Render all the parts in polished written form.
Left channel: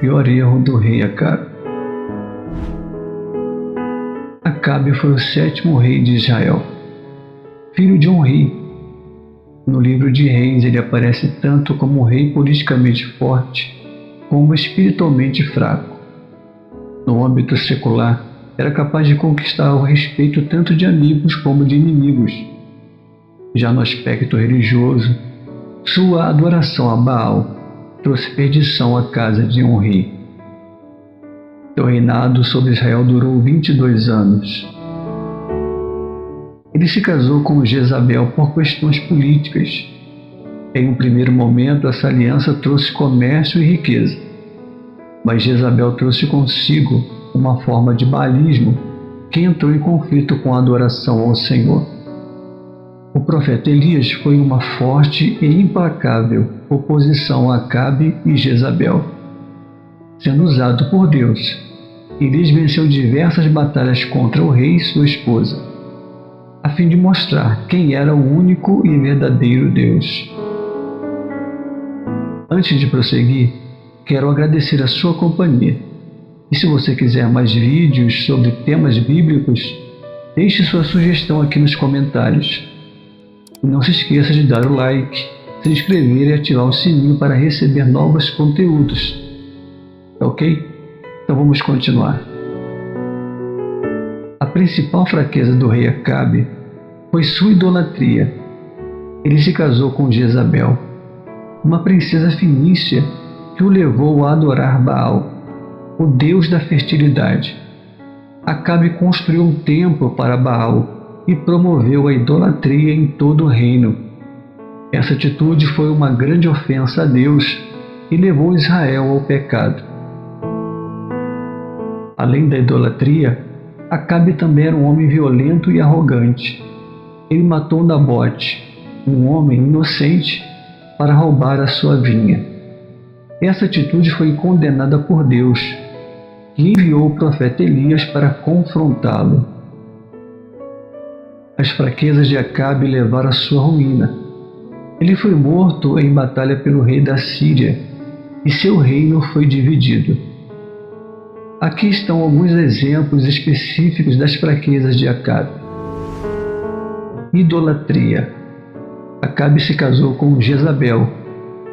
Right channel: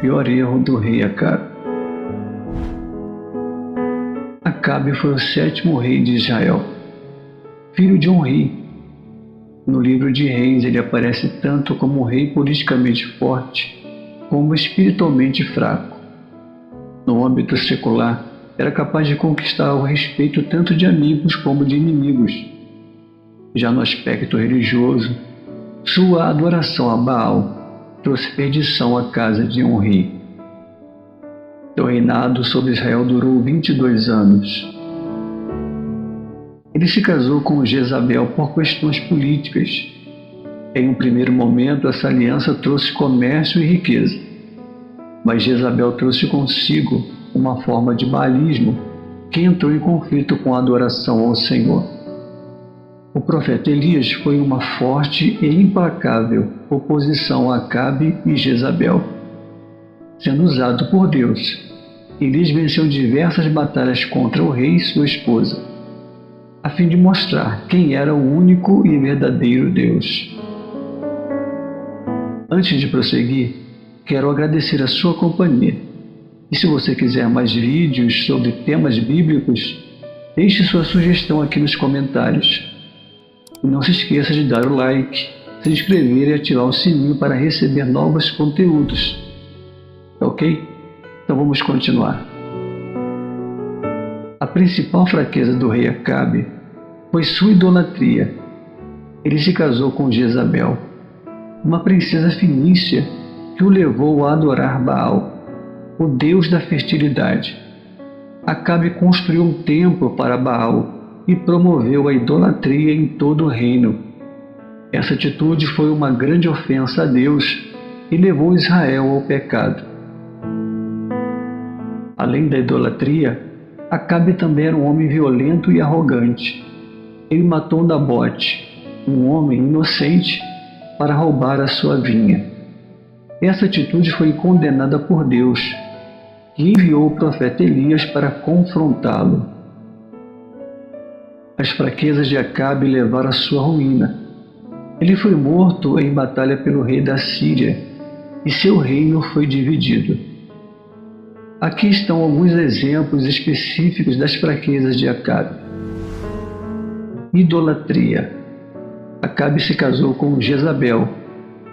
pior erro do rei Acabe. Acabe foi o 7º rei de Israel, filho de um rei. No livro de Reis ele aparece tanto como um rei politicamente forte, como espiritualmente fraco. No âmbito secular, era capaz de conquistar o respeito tanto de amigos como de inimigos. Já no aspecto religioso, sua adoração a Baal trouxe perdição à casa de um rei. Seu reinado sobre Israel durou 22 anos. Ele se casou com Jezabel por questões políticas. Em um primeiro momento, essa aliança trouxe comércio e riqueza. Mas Jezabel trouxe consigo uma forma de baalismo que entrou em conflito com a adoração ao Senhor. O profeta Elias foi uma forte e implacável oposição a Acabe e Jezabel. Sendo usado por Deus, Elias venceu diversas batalhas contra o rei e sua esposa, a fim de mostrar quem era o único e verdadeiro Deus. Antes de prosseguir, quero agradecer a sua companhia. E se você quiser mais vídeos sobre temas bíblicos, deixe sua sugestão aqui nos comentários. E não se esqueça de dar o like, se inscrever e ativar o sininho para receber novos conteúdos. Tá ok? Então vamos continuar. A principal fraqueza do rei Acabe foi sua idolatria. Ele se casou com Jezabel, uma princesa fenícia que o levou a adorar Baal, o deus da fertilidade. Acabe construiu um templo para Baal e promoveu a idolatria em todo o reino. Essa atitude foi uma grande ofensa a Deus e levou Israel ao pecado. Além da idolatria, Acabe também era um homem violento e arrogante. Ele matou Nabote, um homem inocente, para roubar a sua vinha. Essa atitude foi condenada por Deus, que enviou o profeta Elias para confrontá-lo. As fraquezas de Acabe levaram à sua ruína. Ele foi morto em batalha pelo rei da Síria, e seu reino foi dividido. Aqui estão alguns exemplos específicos das fraquezas de Acabe. Idolatria. Acabe se casou com Jezabel,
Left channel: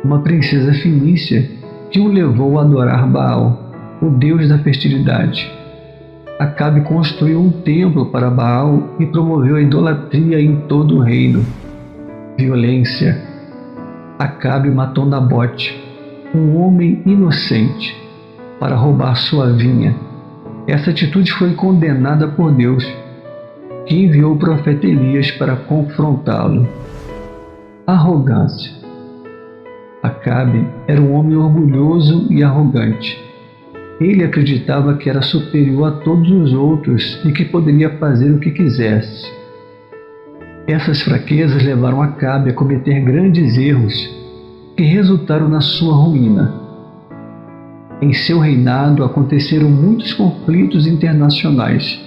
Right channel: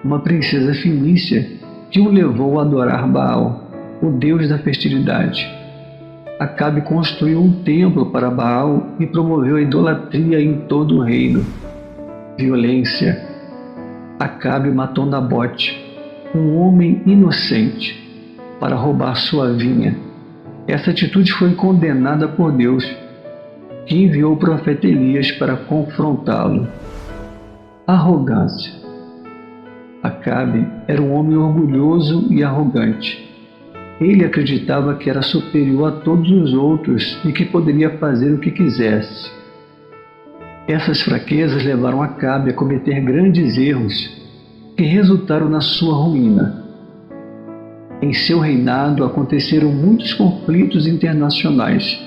uma princesa fenícia que o levou a adorar Baal, o deus da fertilidade. Acabe construiu um templo para Baal e promoveu a idolatria em todo o reino. Violência. Acabe matou Nabote, um homem inocente, para roubar sua vinha. Essa atitude foi condenada por Deus, que enviou o profeta Elias para confrontá-lo. Arrogância. Acabe era um homem orgulhoso e arrogante. Ele acreditava que era superior a todos os outros e que poderia fazer o que quisesse. Essas fraquezas levaram Acabe a cometer grandes erros que resultaram na sua ruína. Em seu reinado aconteceram muitos conflitos internacionais.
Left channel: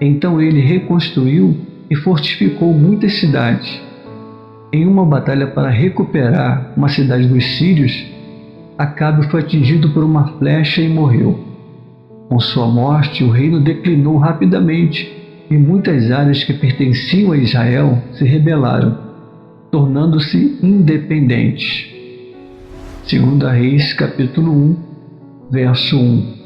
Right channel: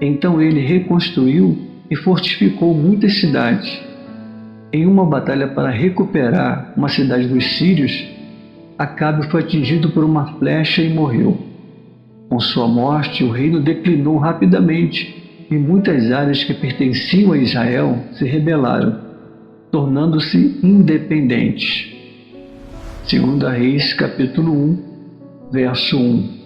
Então ele reconstruiu e fortificou muitas cidades. Em uma batalha para recuperar uma cidade dos sírios, Acabe foi atingido por uma flecha e morreu. Com sua morte, o reino declinou rapidamente e muitas áreas que pertenciam a Israel se rebelaram, tornando-se independentes. 2 Reis, capítulo 1, verso 1.